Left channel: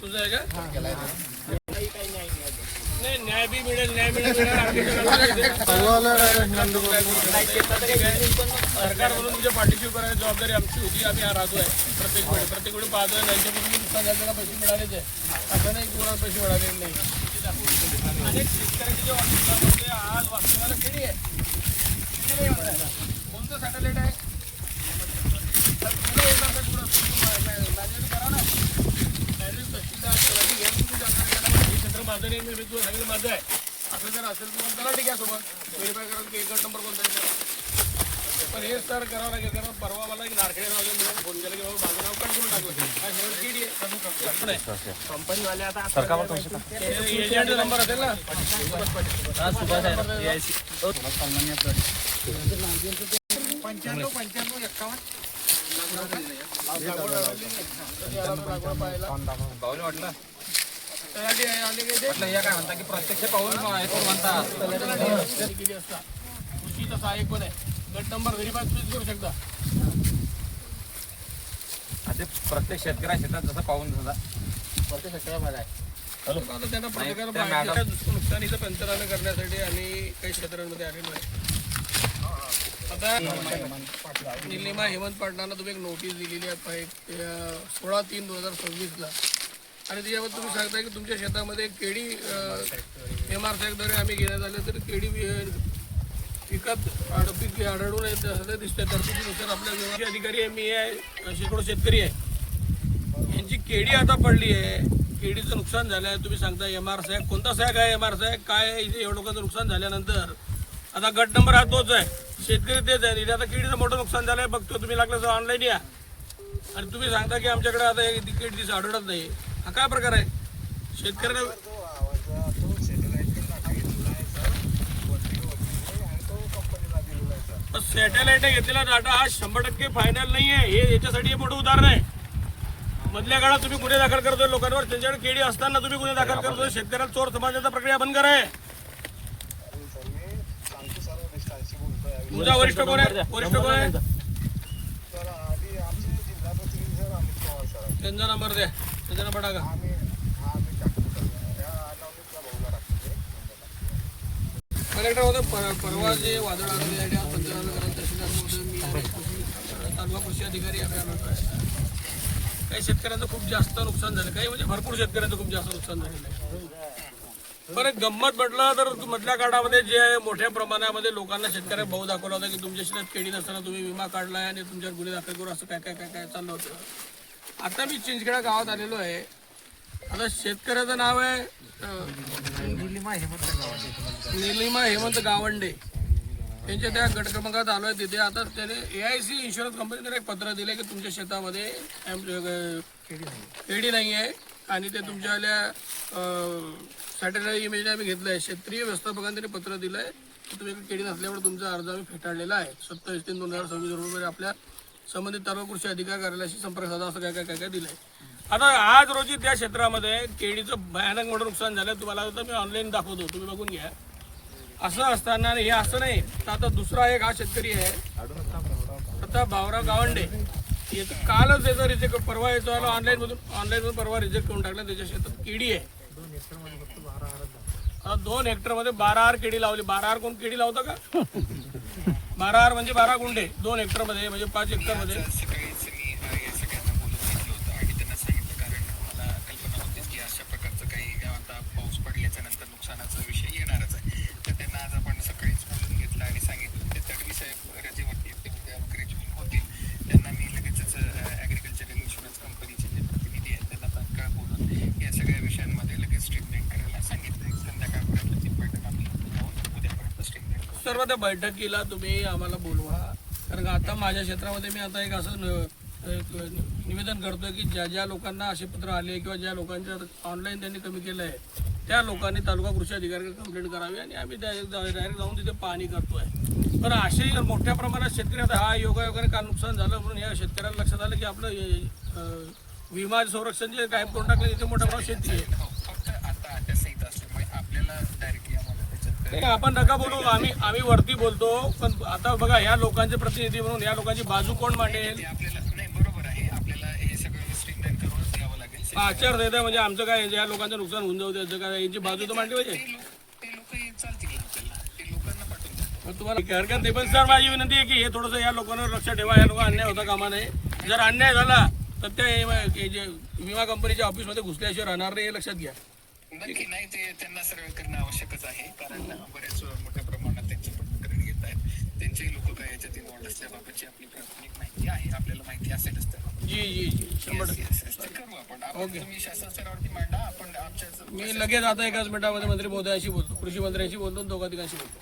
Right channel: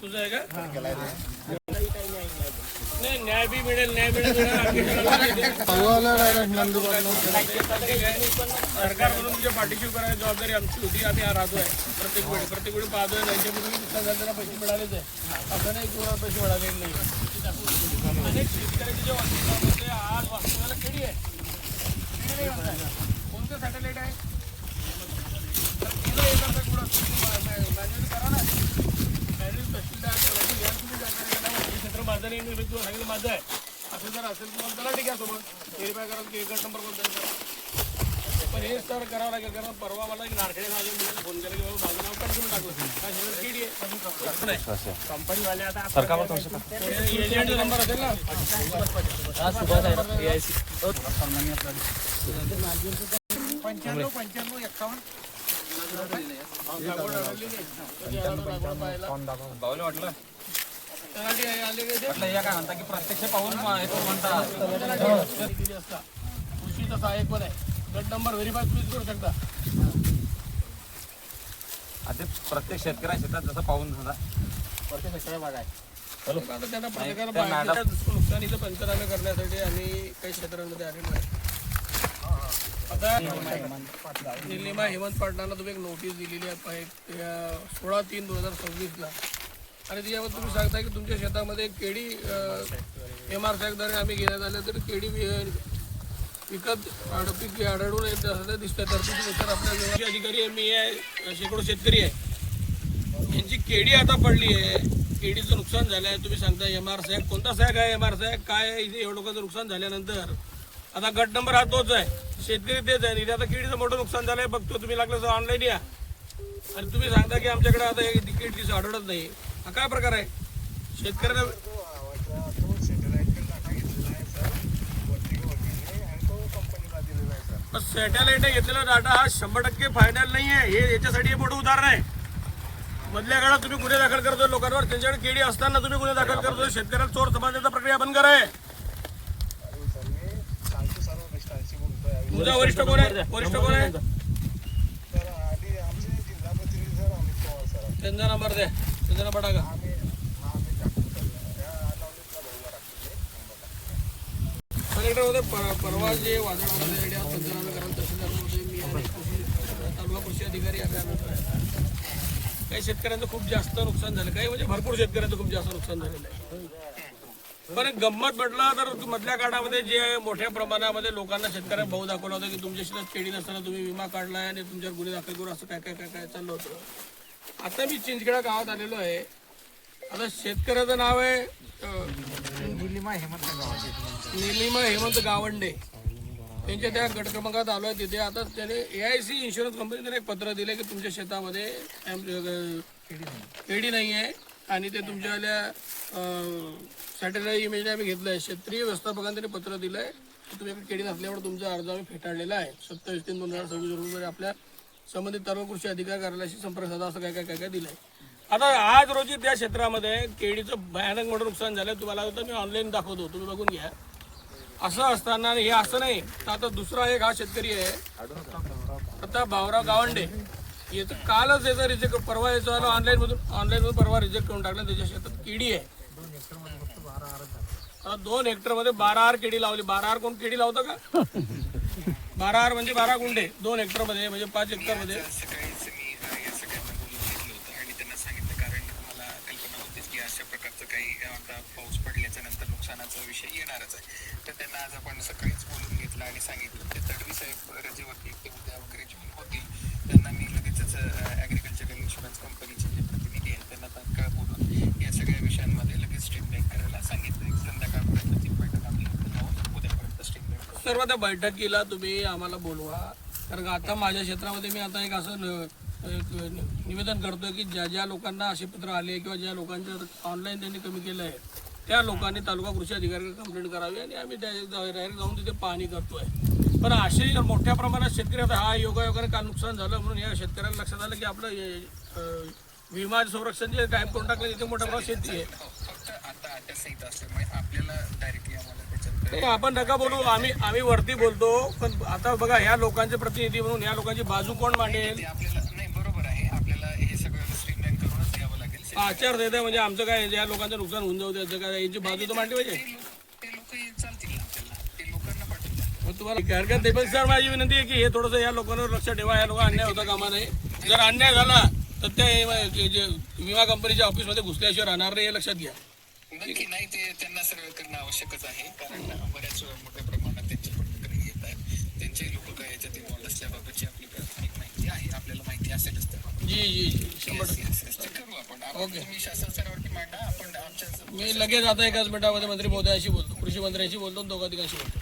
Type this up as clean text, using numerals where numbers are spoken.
तुझं आहे का? नाही, न्याय बी मिळेल, न्याय मिळेल. सरकार म्हणून तुझ्या पाठीशी करायची जबाबदारी आमची होती. आम्ही राहतोय प्रत्येक वेळी पाहतोय. नाही म्हणून नुकसान पैसे मिळालेच आहे, असं नाही की पैसे मिळाले नाही. अनेक शेतकऱ्याच्या ज्या वास्तवामध्ये आज वास्तवाला केली आहे, नाही म्हणताय. कोणतं सॅटेलाइट आहे? क्षेत्र माझं नाही, मी तुला सांगितलं माझं आहे. असं जर असेल तर त्याला ठीक आहे, सोबत व्हेरीफाय करा की एकच नंबर कोणता आहे. पण हे सर करावं लागेल, कारण परवा मला एक नारखेडे नाव म्हणून फोन केला की बाबा माझं नाव कट करून टाकलं. केडी आहे कंपनीवाले. आता एजंटचा नंबर असेल ना, 95-51. बावले वाटलं काय म्हणता की प्रत्यक्ष पाहून दिली असता. कृषीचा सहाय्यक पण आहे. गट नंबर व्हेरीफाय तुम्ही करू शकता. आता प्रत्येक शेतकऱ्या शेतात जसं पाहून सुद्धा प्रत्येक शेतकऱ्या भाग आहे. आता त्यांना प्रत्येकाला नुकसानीचं पंचनामे करण्यासाठी आम्ही काही क्षेत्रांमध्ये आलेलो आहे. आता निलिमा हेमंत पाटलांना तुम्ही एक नोटीस दिलेली आहे 16/3/2026 आणि त्याच्यावर तुम्ही सांगता की तुमच्या शेतामध्ये केडी MRSACद्वारे आम्ही घेण्यात आले तर केडी विकत पीक आढळून येत असं दिसतंय. तरतुदीनुसार आपल्या विभागाचे अधिकारी आहे, मी आहे, शेकडो शेतकरी आहे, यांची केडी आता पडली आहे. केडीचं नुकसान झालं आहे. तुम्ही सांगता MRSAC कोणता सॅक आहे? MRSAC काय आहे? इथे एवढं लोकांचं नुकसान झाल्यानंतर आता गट नंबर हा तोच आहे, शेतकरी तेच आहे. इथे आता केडीचं मोठं नुकसान झालं आहे. बघतो तुम्ही लागलं तर ऑनलाईन या आणि तुम्ही सांगता की आमच्याकडे आता केडीचं आढळत नाही. हा काय प्रकार आहे? शेतकऱ्याला सॅटेलाइटने घेतलेला डाटा हा 100% फायनल नाही आहे. हे याच्यासाठी हे मोठं उदाहरण आहे. मधल्या काळात तुम्ही गुन्हे दाखल करतोय लोकांवर, त्यांच्याकडे केडी असताना तुम्ही गुन्हे दाखल करतोय. शेतकऱ्याला चोर समजण्याचा प्रक्रिया बंद करा. तुमचा वरिष्ठ कोण आहे? वरिष्ठ कोण आहे? त्यांचा नंबर द्या, त्यांचा नंबर टाका. कलेक्टर होते परवा जे वादळ आलं त्यासाठी पंचनामे करा. तहसीलदार महोदय, मी आणि तालुका कृषी अधिकारी आम्ही आलो आहे. काही शेतकऱ्यांचं खूप जास्त नुकसान झालं, काही म्हणजे भरपूर शेतकऱ्यांचं खूप जास्त नुकसान झालेलं आहे. पण एक गंमत म्हटलं तर मधल्या काळामध्ये जे मोठ्या प्रमाणामध्ये लोकांना शेतकऱ्या भाऊ दाखवला होता की तुमच्या शेतात केडी नसताना तुम्ही विमा काढलाय आणि तुमच्यावर गुन्हे दाखल करू, असं काय काय काय काय चाललं होतं. आता मी चिंचखेडा गावात आलेलो आहे. आता शेतकऱ्याचं नाव आहे निलिमा हेमंत गावंडे. त्यांच्या त्या गट क्रमांकात आलो आहे तिथे. आता त्याने AIC इन्शुरन्स कंपनीने एक पत्र दिलं की तुमच्या शेतामध्ये केडी नाही आहे आणि ते तुमच्या सॅटेलाइट इमेज आम्ही घेतलं आहे. क्षेत्रीय व्यवस्थापकांनी त्यांनी पत्र दिलं आहे की तुम्ही केडी नसल्यामुळे तुमचा अर्ज आम्ही फेटाळलेला आहे. 27/3/2026 रोजी आपल्या संबंधित तालुका कृषी अधिकारी कार्यालयाशी संपर्क साधा, असं काय काय काय काय दिलं आहे. आता आज रोजी त्या क्षेत्रामध्ये केडीचं भयानक मोठं नुकसान झालं. तुम्हाला आता मी ऑनलाईन दाखवतो, तुम्ही बघून घ्या. असं असताना हे असं नाही तर आता दुसरा एक हा शेतकरी आहे प्रताप भाऊराव गावंडे. याचं कालच याचा रिजेक्ट, परवा याचा ऑनलाईनमधून परवा रिजेक्ट करून टाकला. त्याच्या शेतात केडी आहे. 2 हेक्टरमध्ये 12 केडी लावली. 12 कोण केडी लावतं का? 12 म्हणजे 12 गुंठे 2 हेक्टरमध्ये, म्हणजे 5 हेक्टरमध्ये. अशा प्रकारचं काही आता पाऊस पडल्याच्या नंतर नुकसानाचा विषय येणारच आहे. तर त्यांना आज आपण सकाळीच बोलून घेतलं आणि सांगितलं ते तडवी साहेब रजेवरती ते उद्या वगैरे जॉईन होतील. त्यांना मी लगेचच ॲग्रिकल्चरल इन्शुरन्स कंपनीचे जे प्रतिनिधी आहेत त्यांना तात्काळ बोलून या सगळ्या विषयांमध्ये लगेच स्टेटमेंट करायला सांगितलं. संध्याकाळपर्यंतची बैठक आम्ही उद्यापर्यंत स्टेटमेंट करू. सर्व त्या बैठकीला तुम्ही आम्हाला बोलवा. कारण आता माझ्या क्षेत्रामध्ये मी आता एक असं निवेदन करतोय की ज्या ज्या लोकांना असे पत्र आले किंवा ज्या लोकांच्या ऑनलाईन त्यांनी कमी केलं आहे त्या लोकांनी तालुका कृषी अधिकारी कंप्लेंट करावी आणि आम्ही डायरेक्ट जाऊन तिथे पाहणी करतोय. पण असे मोठ्या प्रमाणात शेतकरी आता हा योगायोगाने काल नुकसान झालं म्हणून या शेतकऱ्याला लक्षात आलं की आपलं विमा संरक्षण जे कायम करून टाकलं तिथे मोठ्या प्रमाणात शेती आहे. फक्त आता आत्यासहित असल्यामुळे आपल्याला डायरेक्टली आम्हाला त्याच्यात आपण नका बोलू, आम्ही वरती बोलतो. पण आता बघा, ह्या लोकांचे प्रतिनिधी म्हणून या लोकांची बाजू कोण मांडेल? आपल्याला नाही बरोबर आहे. आचारसंहिता म्हणजे आमचं काय या लोकांचं नुकसान होऊन जाऊ द्यायचं काय यांची बाजू तर मांडली पाहिजे. ते लोक चालतील ना आपल्याला, ते लोकांना पाठवून द्या. मग तुम्हाला हरकत नाही, पण सर माझी विनंती आहे की हे थोडंसं या लोकांवर लक्ष ठेवा. या लोक अन्याय होता कामा नये. जर अन्याय झाला तर ते जे विमा कंपनीच्या ऑफिसमध्ये घुसल्याशिवाय राहणार नाही हे लक्षात घ्या. नक्की नाही, ते त्यांना सर्व करणं आवश्यकच आहे, कारण बऱ्याच मोठ्या प्रमाणात त्यांची पण तक्रारी येत आहेत. त्यांचेही लोक काय याच्यात इन्व्हॉल्ड असल्याबाबतची आपली प्राथमिक माहिती आहे, आपल्याला माहिती असेलच त्याबाबत. जी जी जी 100%. ते करू आपण. तुम्ही शासन स्तरावरती मांडा, आपण आमच्या मी लगेच आता एकाच मिनिटामध्ये मंत्री महोदयाशी बोलतो, कृषी मंत्र्यांशी बोलतो, दोघा तिघांशी बोलतो.